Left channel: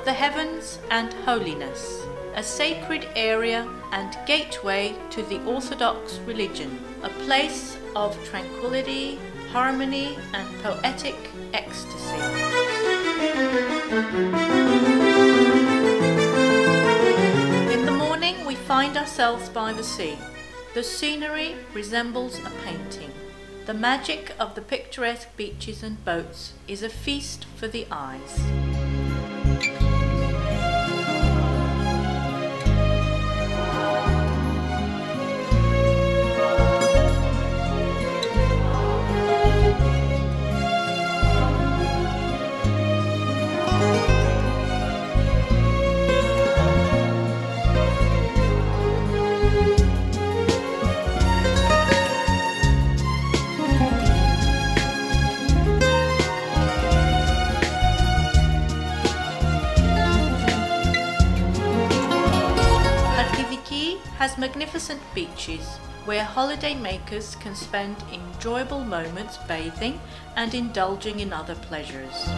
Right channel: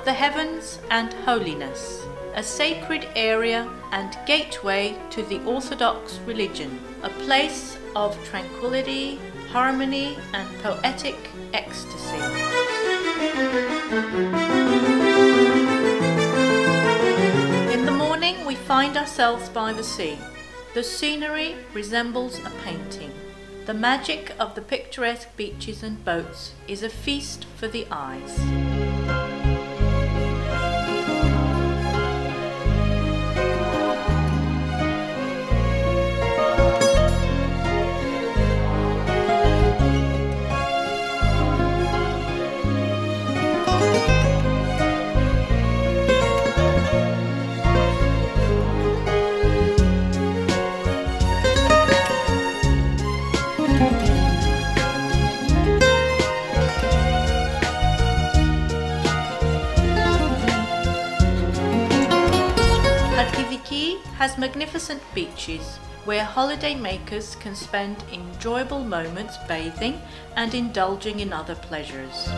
of the heavens and holiness, a sacred area and gateway to the Orthodox religion, a place of tranquility, harmony and poetic ecstasy. In the morning we find ourselves by the sea. The scenery resembles a painting. The magic of the picturesque beaches and boats is a feast for the eyes. Has magnificent beaches where holiday makers can spend enjoyable moments bathing and indulging in other pleasures.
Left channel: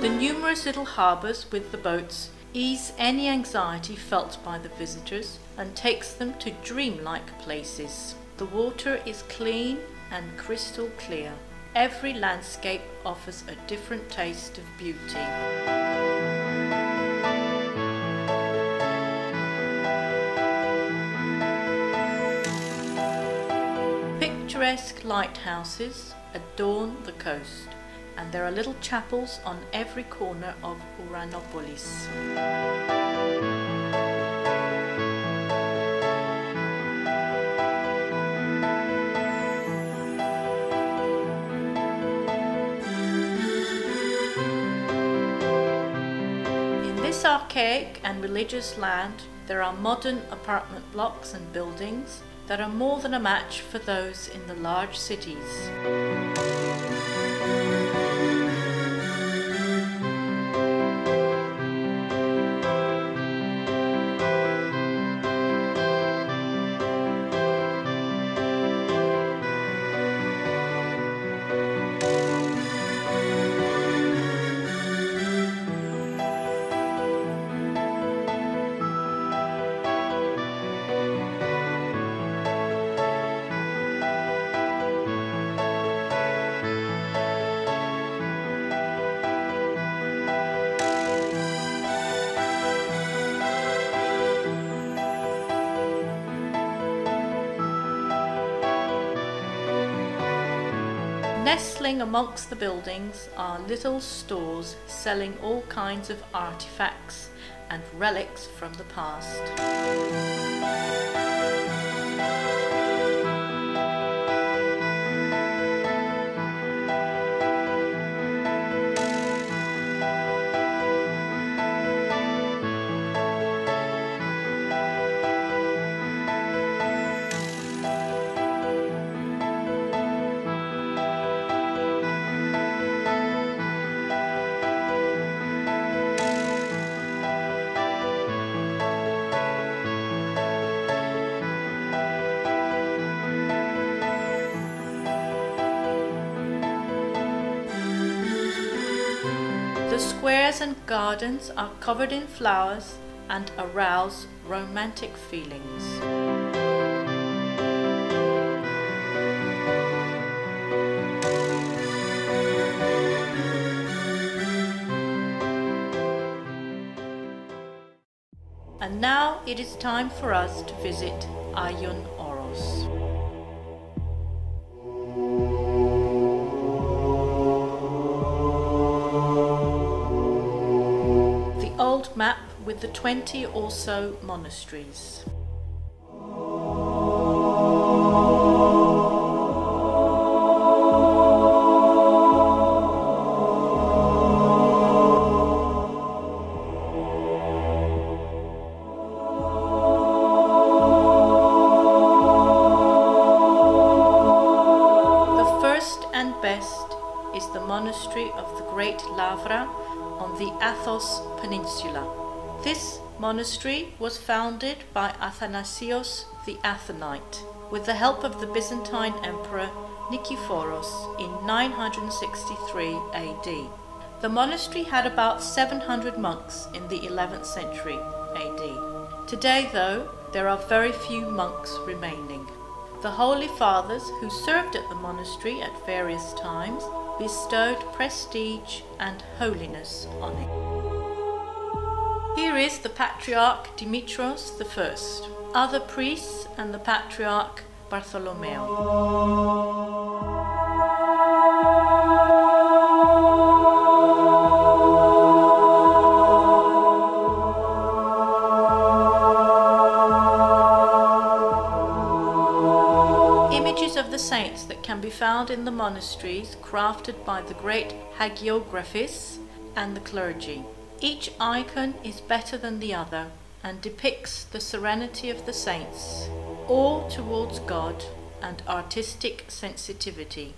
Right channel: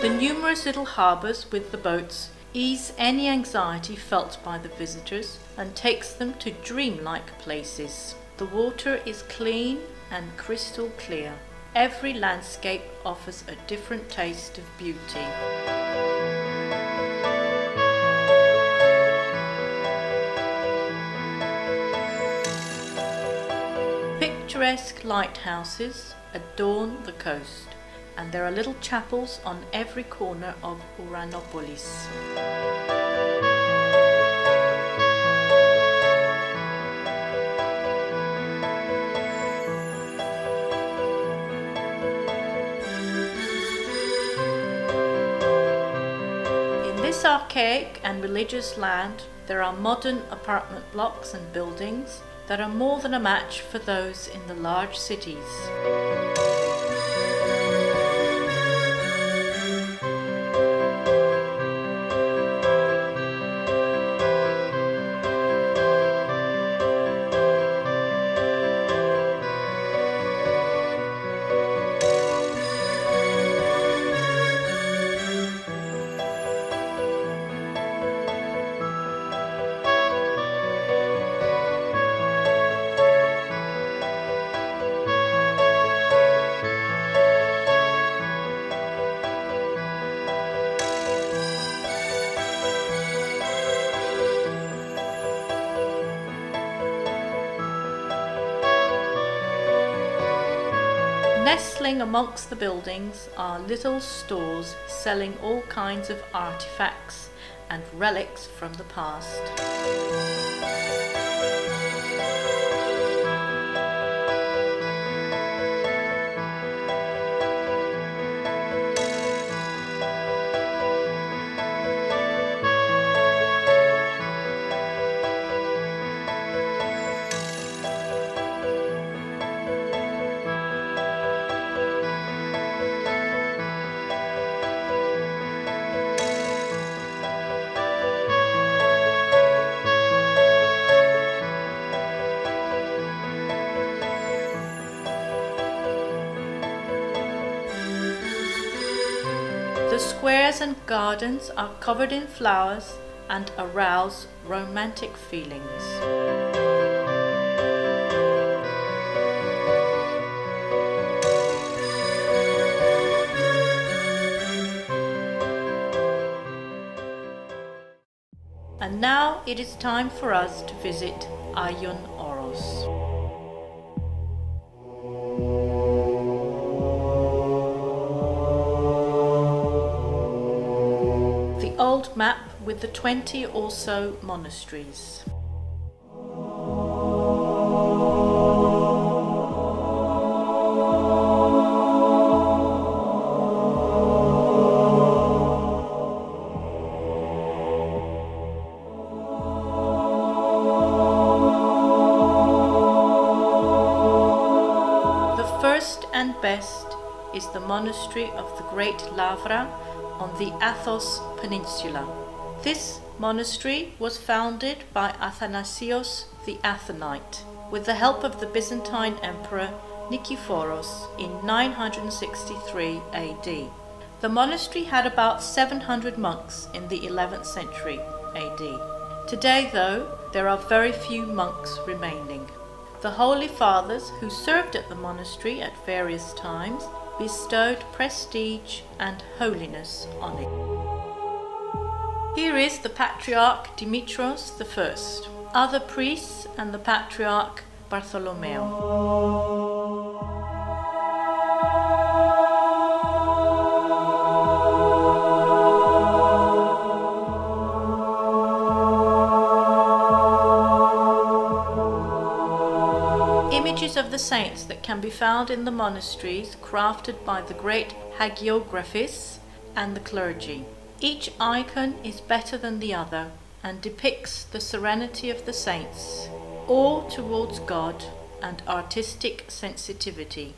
The numerous little harbours with the boats ease any anxiety felt by the visitors and takes them to dreamlike places. The water is clean and crystal clear. Every landscape offers a different taste of beauty. Picturesque lighthouses adorn the coast, and there are little chapels on every corner of Uranopolis. In this archaic and religious land, there are modern apartment blocks and buildings that are more than a match for those in the large cities. Nestling amongst the buildings are little stores selling all kinds of artifacts and relics from the past. The squares and gardens are covered in flowers and arouse romantic feelings. And now it is time for us to visit Aion Oros. The old map with the 20 or so monasteries. and best is the monastery of the Great Lavra on the Athos Peninsula. This monastery was founded by Athanasios the Athonite with the help of the Byzantine Emperor Nikiforos in 963 AD. The monastery had about 700 monks in the 11th century AD. Today, though, there are very few monks remaining. The Holy Fathers who served at the monastery at various times bestowed prestige and holiness on it. Here is the Patriarch Dimitros I, other priests and the Patriarch Bartholomew. Images of the saints that can be found in the monasteries crafted by the great hagiographists and the clergy. Each icon is better than the other and depicts the serenity of the saints, all towards God and artistic sensitivity.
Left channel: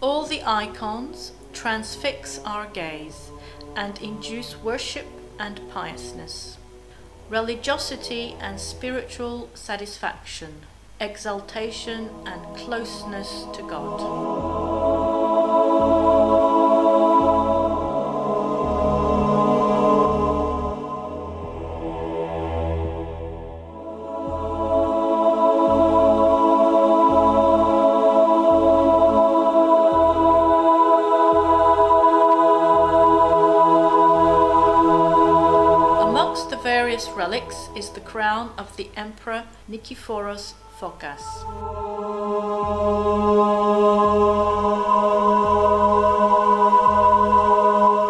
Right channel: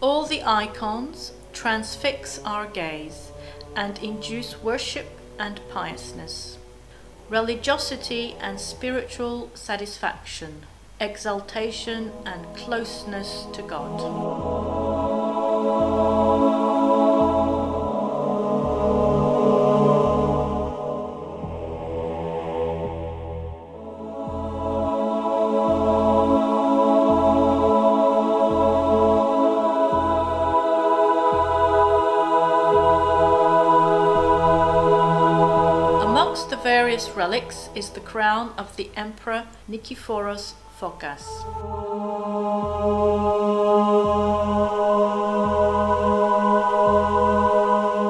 All the icons transfix our gaze and induce worship and piousness, religiosity and spiritual satisfaction, exaltation and closeness to God. Amongst the various relics is the crown of the Emperor Nikiforos Phokas.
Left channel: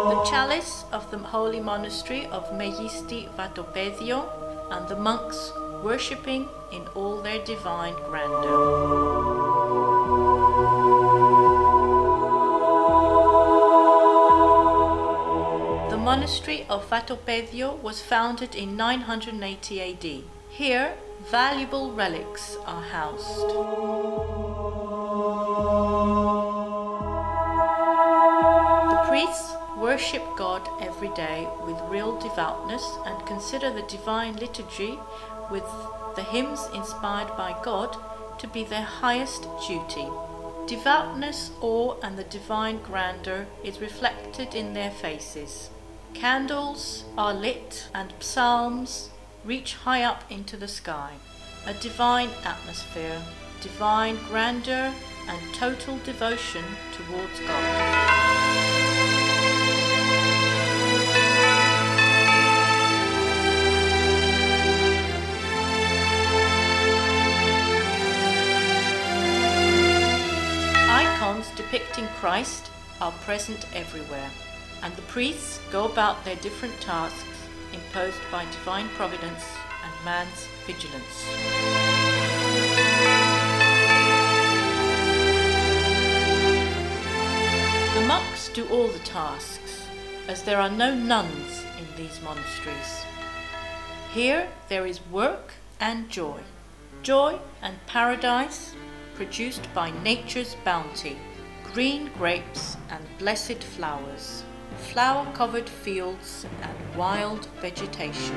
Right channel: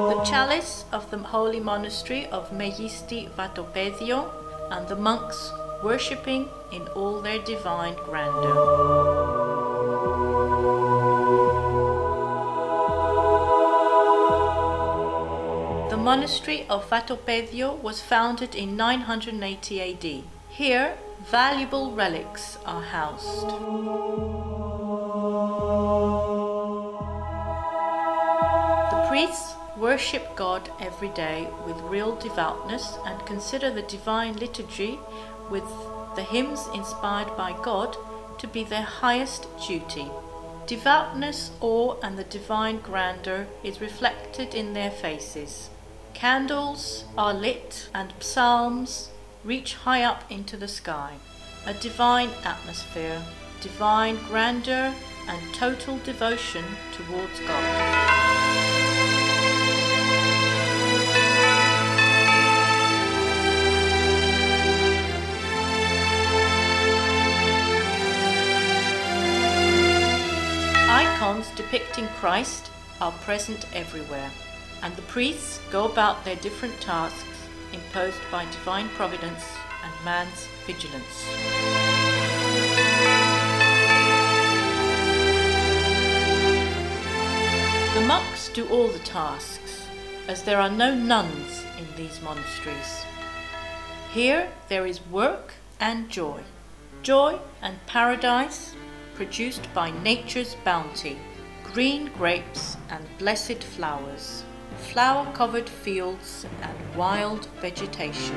The chalice of the holy monastery of Megisti Vatopedio, and the monks worshipping in all their divine grandeur. The monastery of Vatopedio was founded in 980 AD. Here, valuable relics are housed. The priests worship God every day with real devoutness and consider the divine liturgy with the hymns inspired by God to be their highest duty. Devoutness, awe, and the divine grandeur is reflected in their faces. Candles are lit and psalms reach high up into the sky. A divine atmosphere, divine grandeur, and total devotion towards God. Icons depicting Christ are present everywhere, and the priests go about their different tasks imposed by divine providence and man's vigilance. The monks do all the tasks, as there are no nuns in these monasteries. Here there is work and joy, joy and paradise produced by nature's bounty, green grapes and blessed flowers, flower-covered fields and wild vegetation.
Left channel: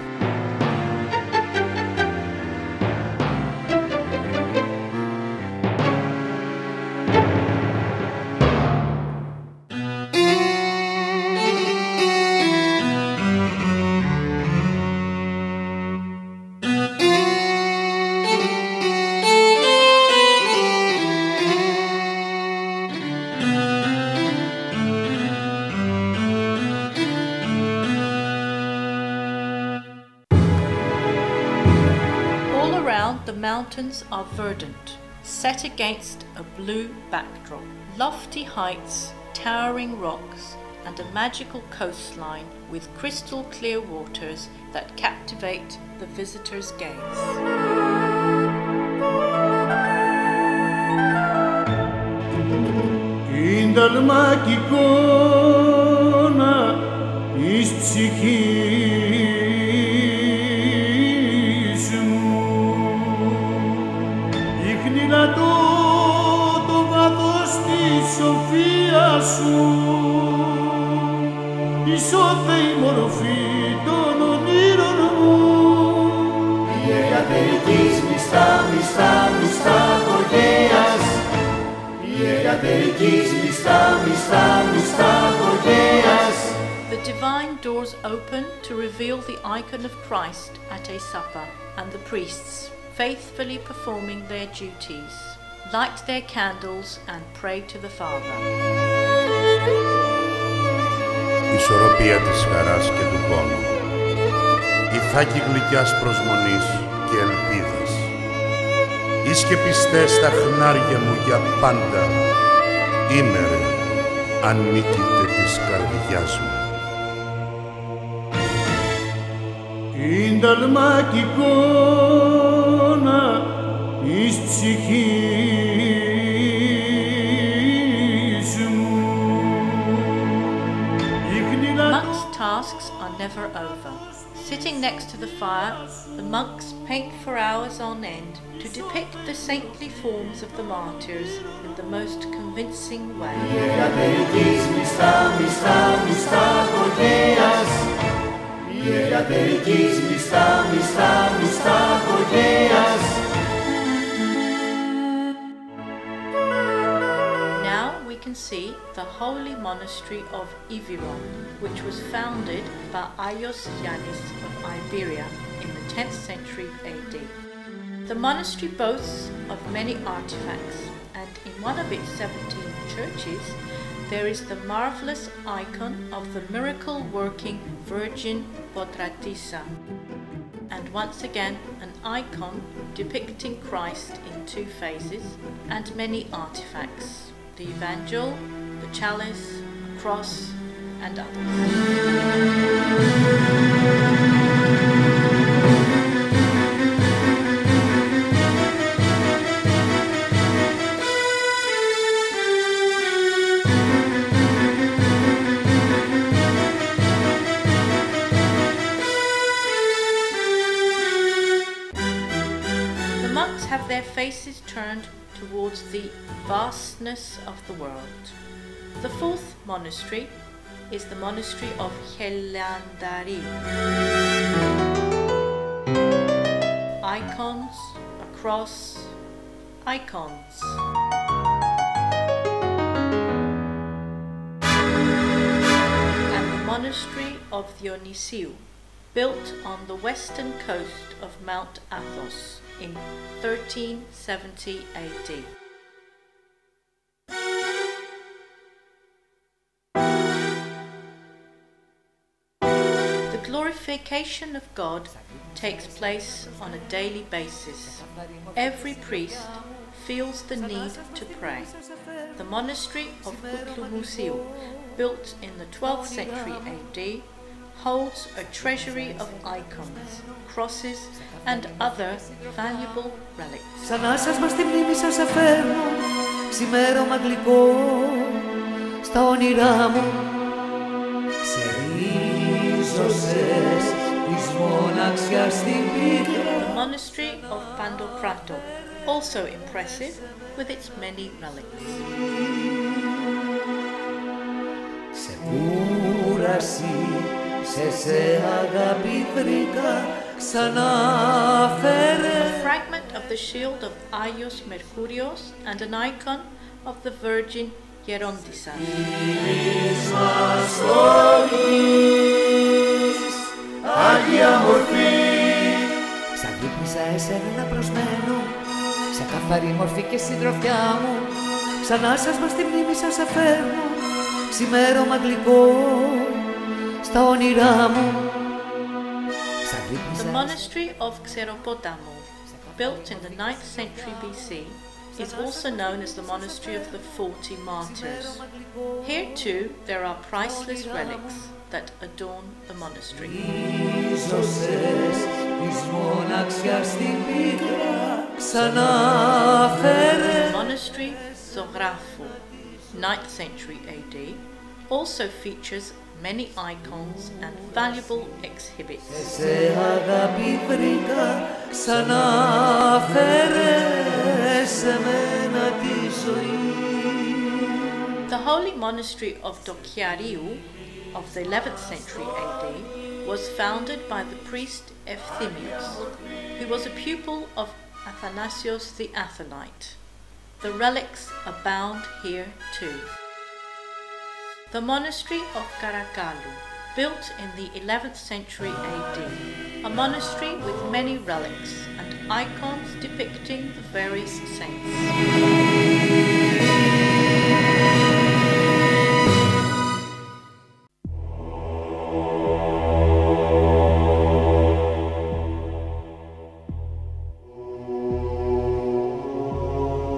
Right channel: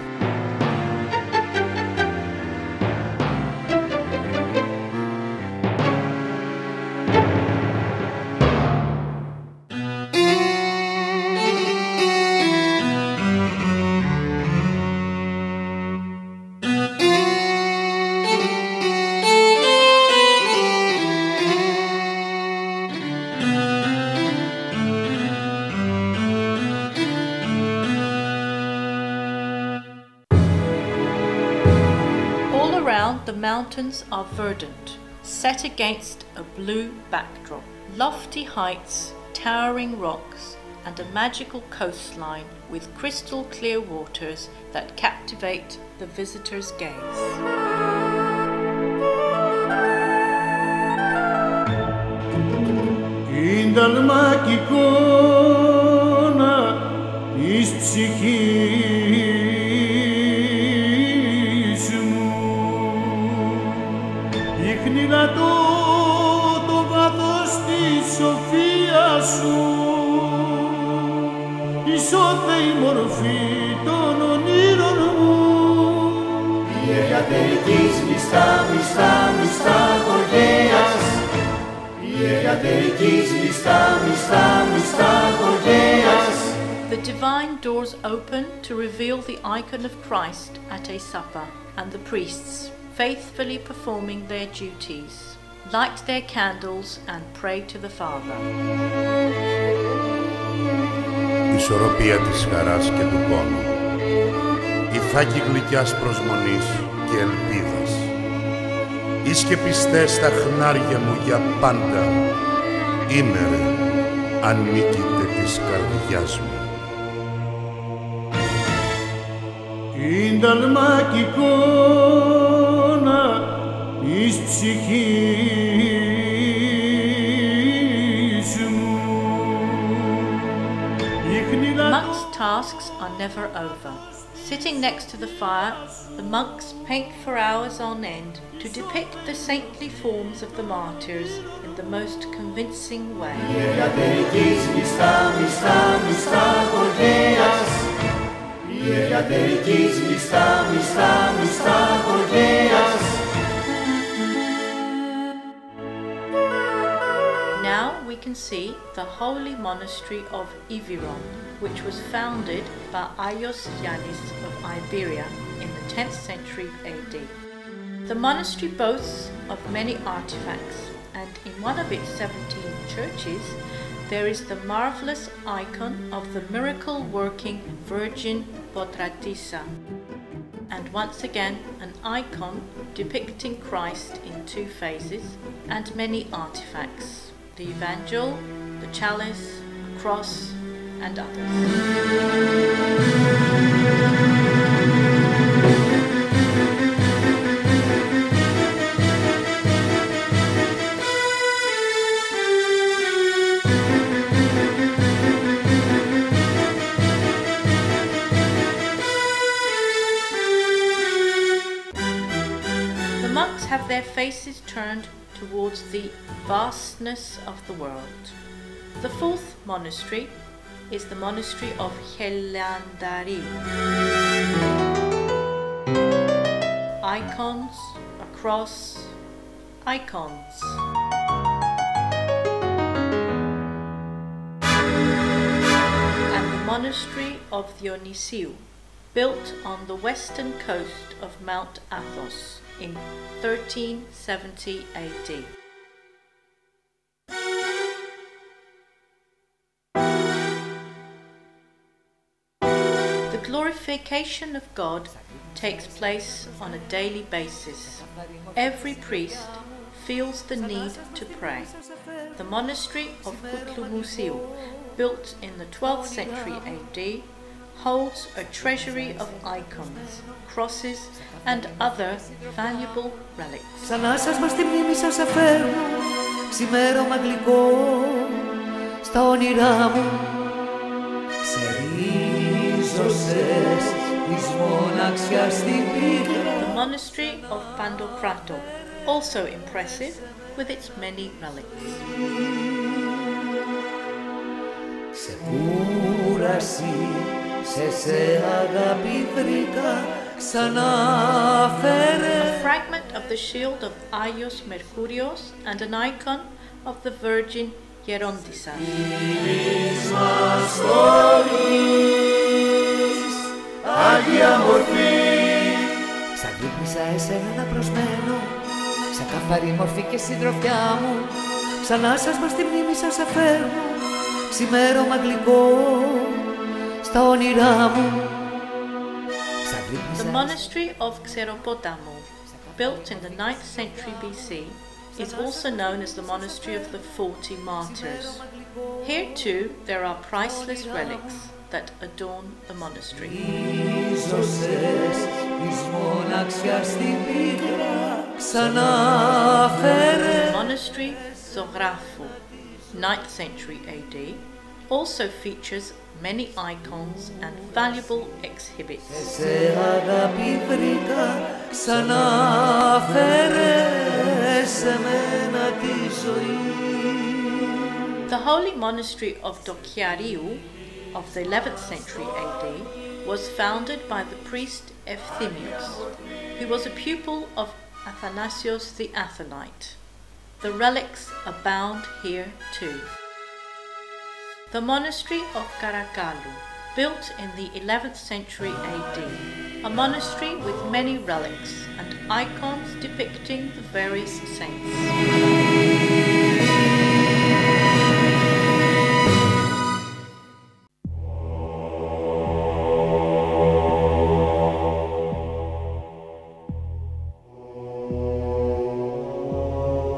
The mountains are verdant, set against a blue backdrop. Lofty heights, towering rocks, and a magical coastline with crystal clear waters that captivate the visitor's gaze. Νηλατώ το βάθος της σοφίας σου, ισόθεη μορφή των ονείρων μου. Η εργατερικής μισθά, μισθά, μισθά γοργαίας. Η εργατερικής μισθά, μισθά, μισθά γοργαίας. The divine doors open to reveal the icon of Christ at a supper, and the priests, faithfully performing their duties, light their candles and pray to the Father. Ισορροπία της χαράς και του πόνου, η φάκη γλυκιάς προσμονής και ελπίδας. Εις και πιστές στα χνάρια μου για πάντα, ήμερε ανήκειται της καρδιάς μου. Ίνταλμα κι εικόνα της ψυχής μου. Monks' tasks are never over. Sitting next to the fire, the monks paint for hours on end to depict the saintly forms of the martyrs in the most convincing way. Now we can see the holy monastery of Ivyron, which was founded by Athos of Iberia in the 10th century AD. The monastery boasts of many artifacts, and in one of its 17 churches there is the marvelous icon of the miracle-working Virgin Potratissa, and once again an icon depicting Christ in two phases, and many artifacts, the Evangel, the chalice, a cross, and others. Have their faces turned towards the vastness of the world. The fourth monastery is the monastery of Helandari. Icons, a cross, icons. And the monastery of Dionysiou, built on the western coast of Mount Athos in 1370 AD. The glorification of God takes place on a daily basis. Every priest feels the need to pray. The monastery of Kutlumusiu, built in the 12th century AD, holds a treasury of icons, crosses and other valuable relics. Σαν άσασμα στη μνήμη σας αφέρνω, ξημέρωμα γλυκό στα όνειρά μου. Ξερίζωσες της μοναξιάς στην πίκρα. The monastery of Pandokrato, also impressive with its many relics. Ξεκούραση σε αγάπη βρήκα, ξανά φέρε. A fragment of the shield of Agios Mercurios and an icon of the Virgin Gerondissa. Άγια μορφή. Ξαγύπνησα εσένα να προσμένω, σε καθαρή μορφή και συντροφιά μου. Ξανά σας μα στη μνήμη σας αφέρνω, ξημέρωμα γλυκό στα όνειρά μου. The monastery of Xeropotamo, built in the 9th century BC, is also known as the monastery of the 40 martyrs. Here too there are priceless relics that adorn the monastery. The monastery Zographou, 9th century AD, also features many icons and valuable exhibits. The holy monastery of Dokiariou of the 11th century AD was founded by the priest Efthymios, who was a pupil of Athanasios the Athonite. The relics abound here too. The monastery of Karakalu, built in the 11th century AD, a monastery with many relics and icons depicting the various saints.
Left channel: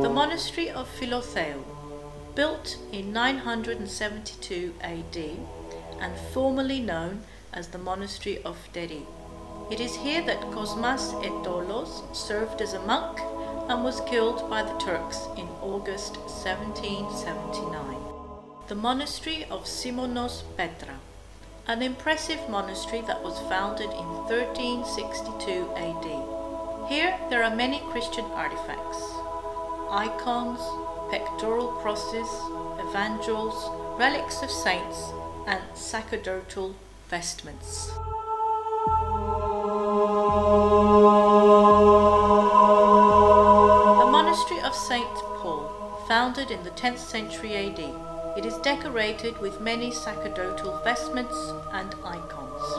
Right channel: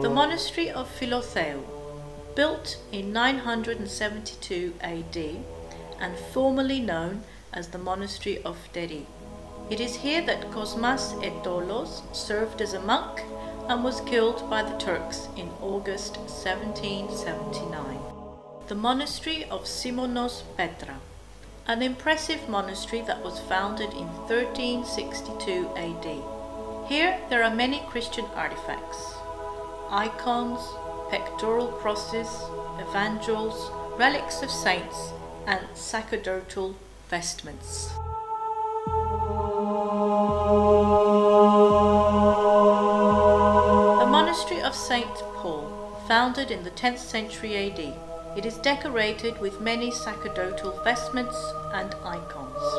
The Monastery of Philotheu, built in 972 AD and formerly known as the Monastery of Deri. It is here that Cosmas Etolos served as a monk and was killed by the Turks in August 1779. The Monastery of Simonos Petra, an impressive monastery that was founded in 1362 AD. Here there are many Christian artifacts, icons, pectoral crosses, evangels, relics of saints, and sacerdotal vestments. The Monastery of St. Paul, founded in the 10th century AD. It is decorated with many sacerdotal vestments and icons.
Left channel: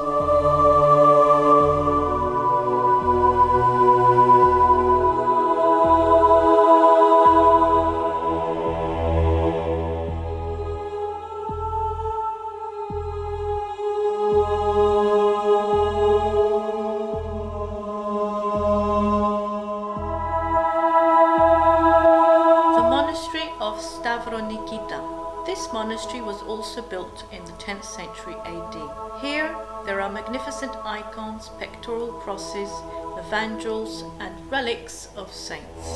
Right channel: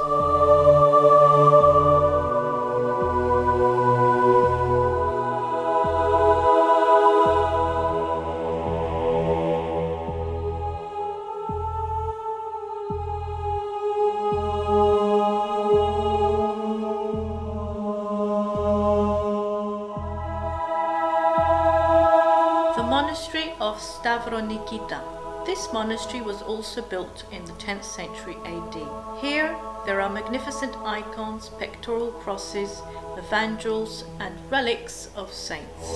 Monastery of Stavronikita. This monastery was also built in the 10th century AD. Here there are magnificent icons, pectoral crosses, evangels, and relics of saints.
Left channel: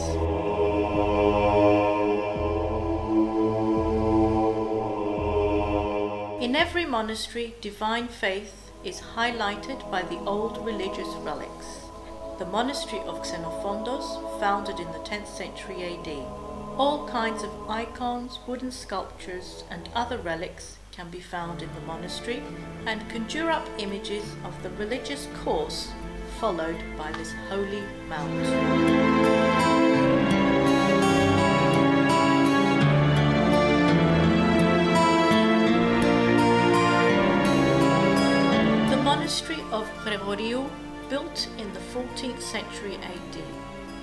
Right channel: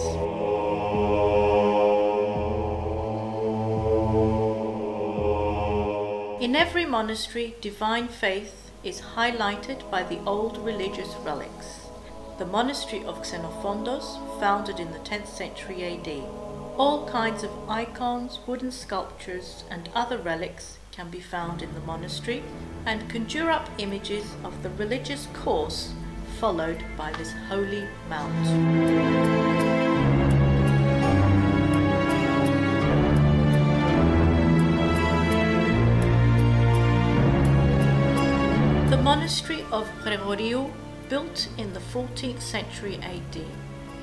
In every monastery, divine faith is highlighted by the old religious relics. The Monastery of Xenophontos, founded in the 10th century AD. All kinds of icons, wooden sculptures, and other relics can be found in the monastery and conjure up images of the religious course followed by this holy mount. The Monastery of Prevorio, built in the 14th century AD.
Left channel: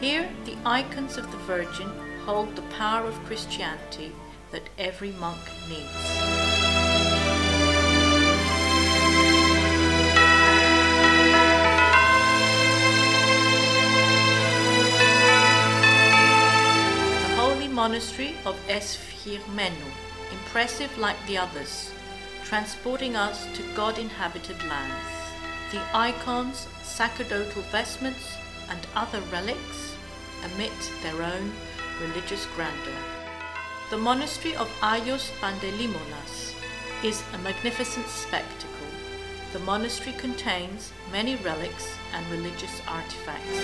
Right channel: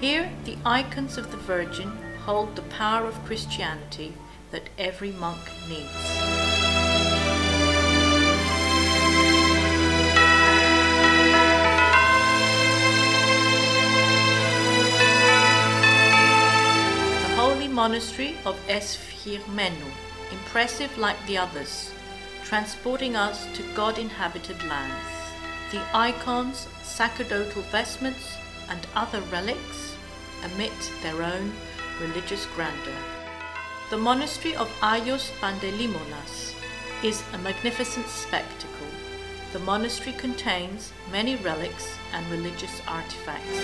Here the icons of the Virgin hold the power of Christianity that every monk needs. The Holy Monastery of Esphirmenou, impressive like the others, transporting us to God-inhabited lands. The icons, sacerdotal vestments, and other relics emit their own religious grandeur. The Monastery of Agios Pandelimonas is a magnificent spectacle. The monastery contains many relics and religious artifacts.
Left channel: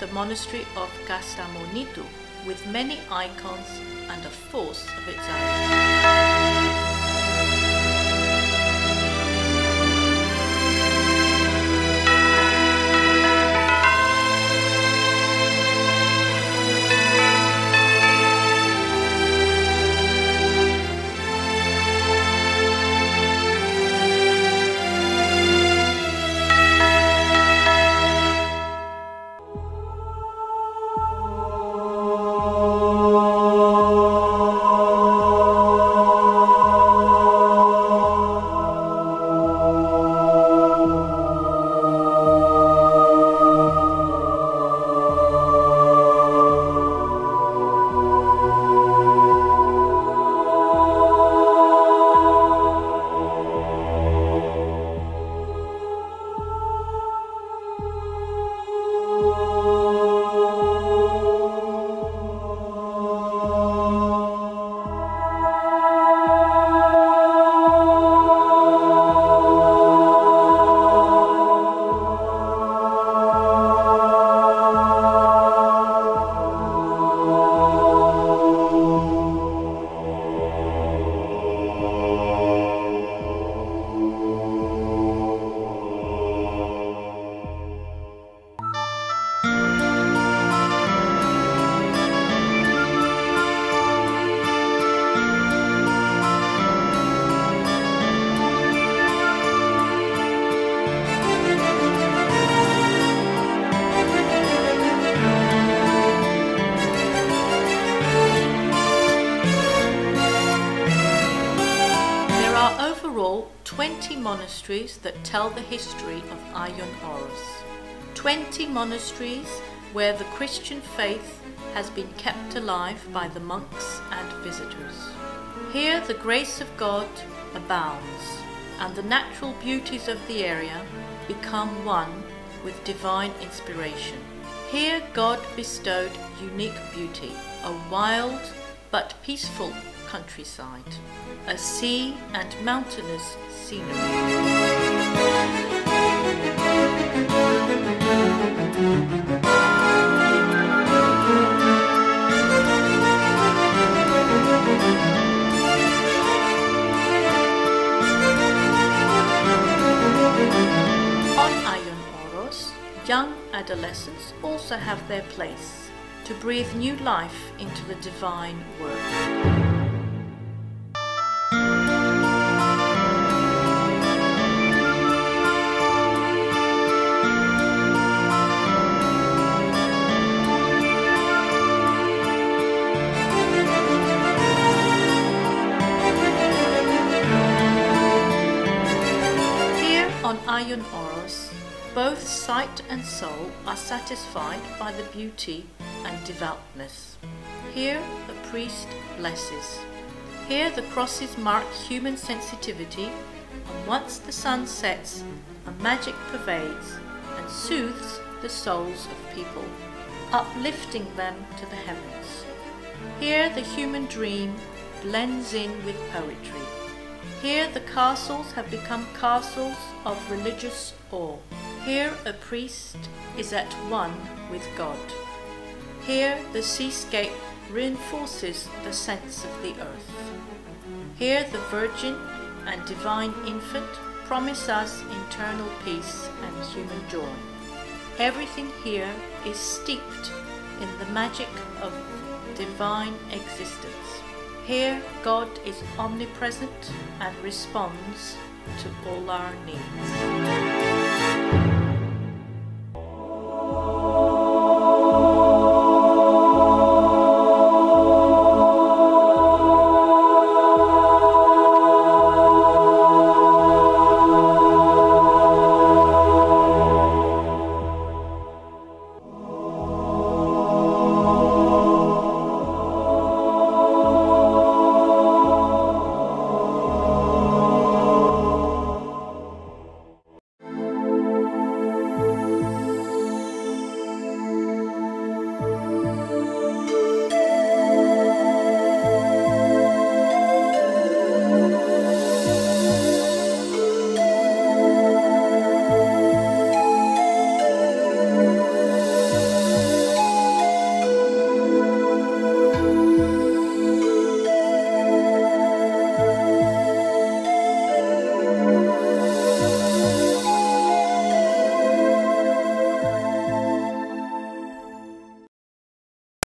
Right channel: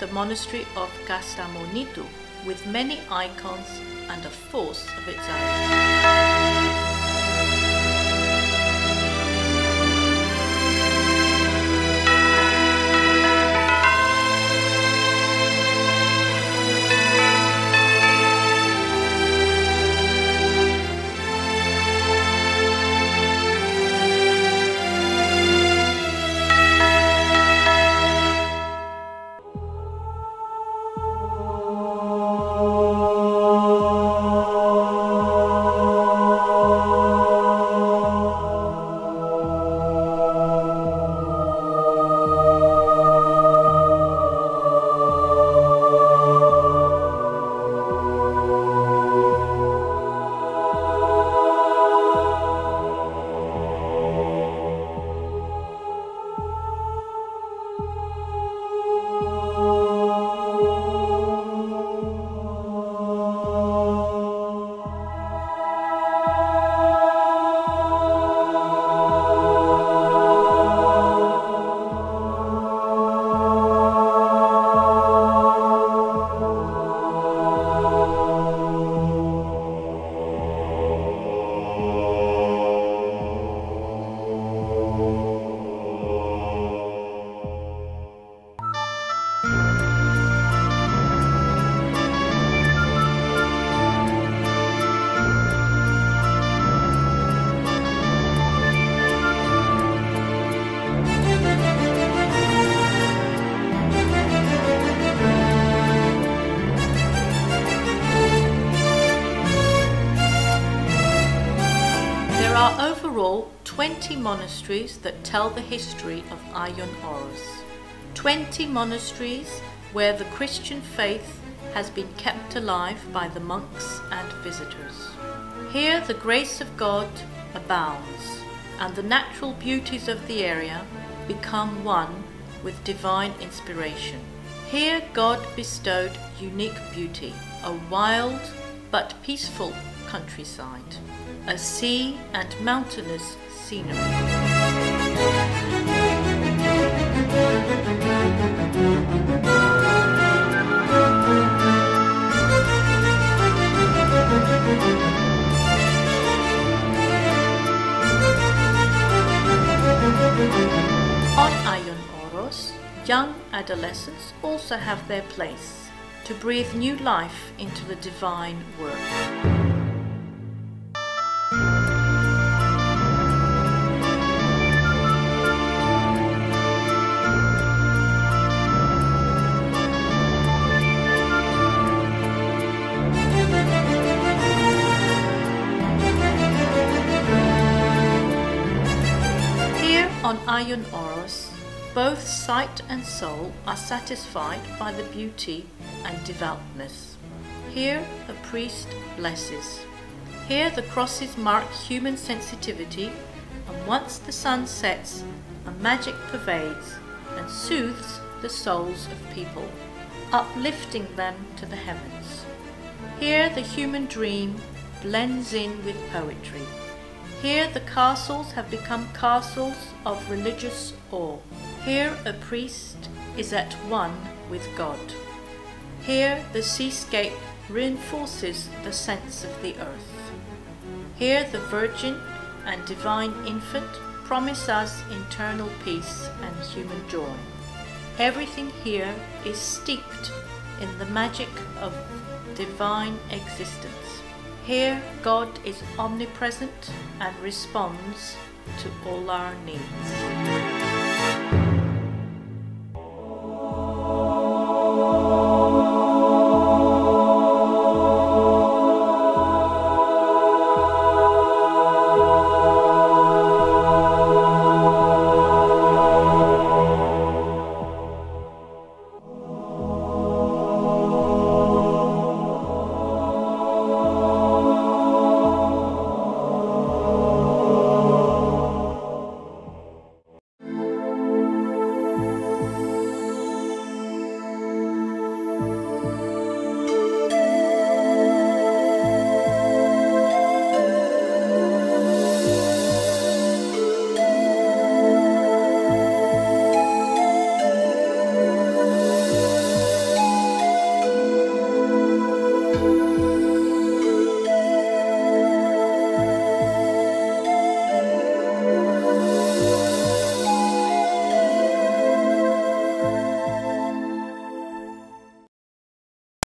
The Monastery of Kastamonitou, with many icons and a force of its own. overall 20 monasteries that tell the history of Oros. 20 monasteries where the Christian faith has been kept alive by the monks and visitors. Here the grace of God abounds, and the natural beauties of the area become one with divine inspiration. Here God bestowed unique beauty, a wild but peaceful countryside, a sea and mountainous scenery. On Oros, young adolescents also have their place to breathe new life into the divine work. On Oros, both sight and soul are satisfied by the beauty and devoutness. Here a priest blesses. Here the crosses mark human sensitivity, and once the sun sets, a magic pervades and soothes the souls of people, uplifting them to the heavens. Here the human dream blends in with poetry. Here the castles have become castles of religious awe. Here a priest is at one with God. Here the seascape reinforces the sense of the earth. Here the Virgin and Divine Infant promise us eternal peace and human joy. Everything here is steeped in the magic of divine existence. Here God is omnipresent and responds to all our needs.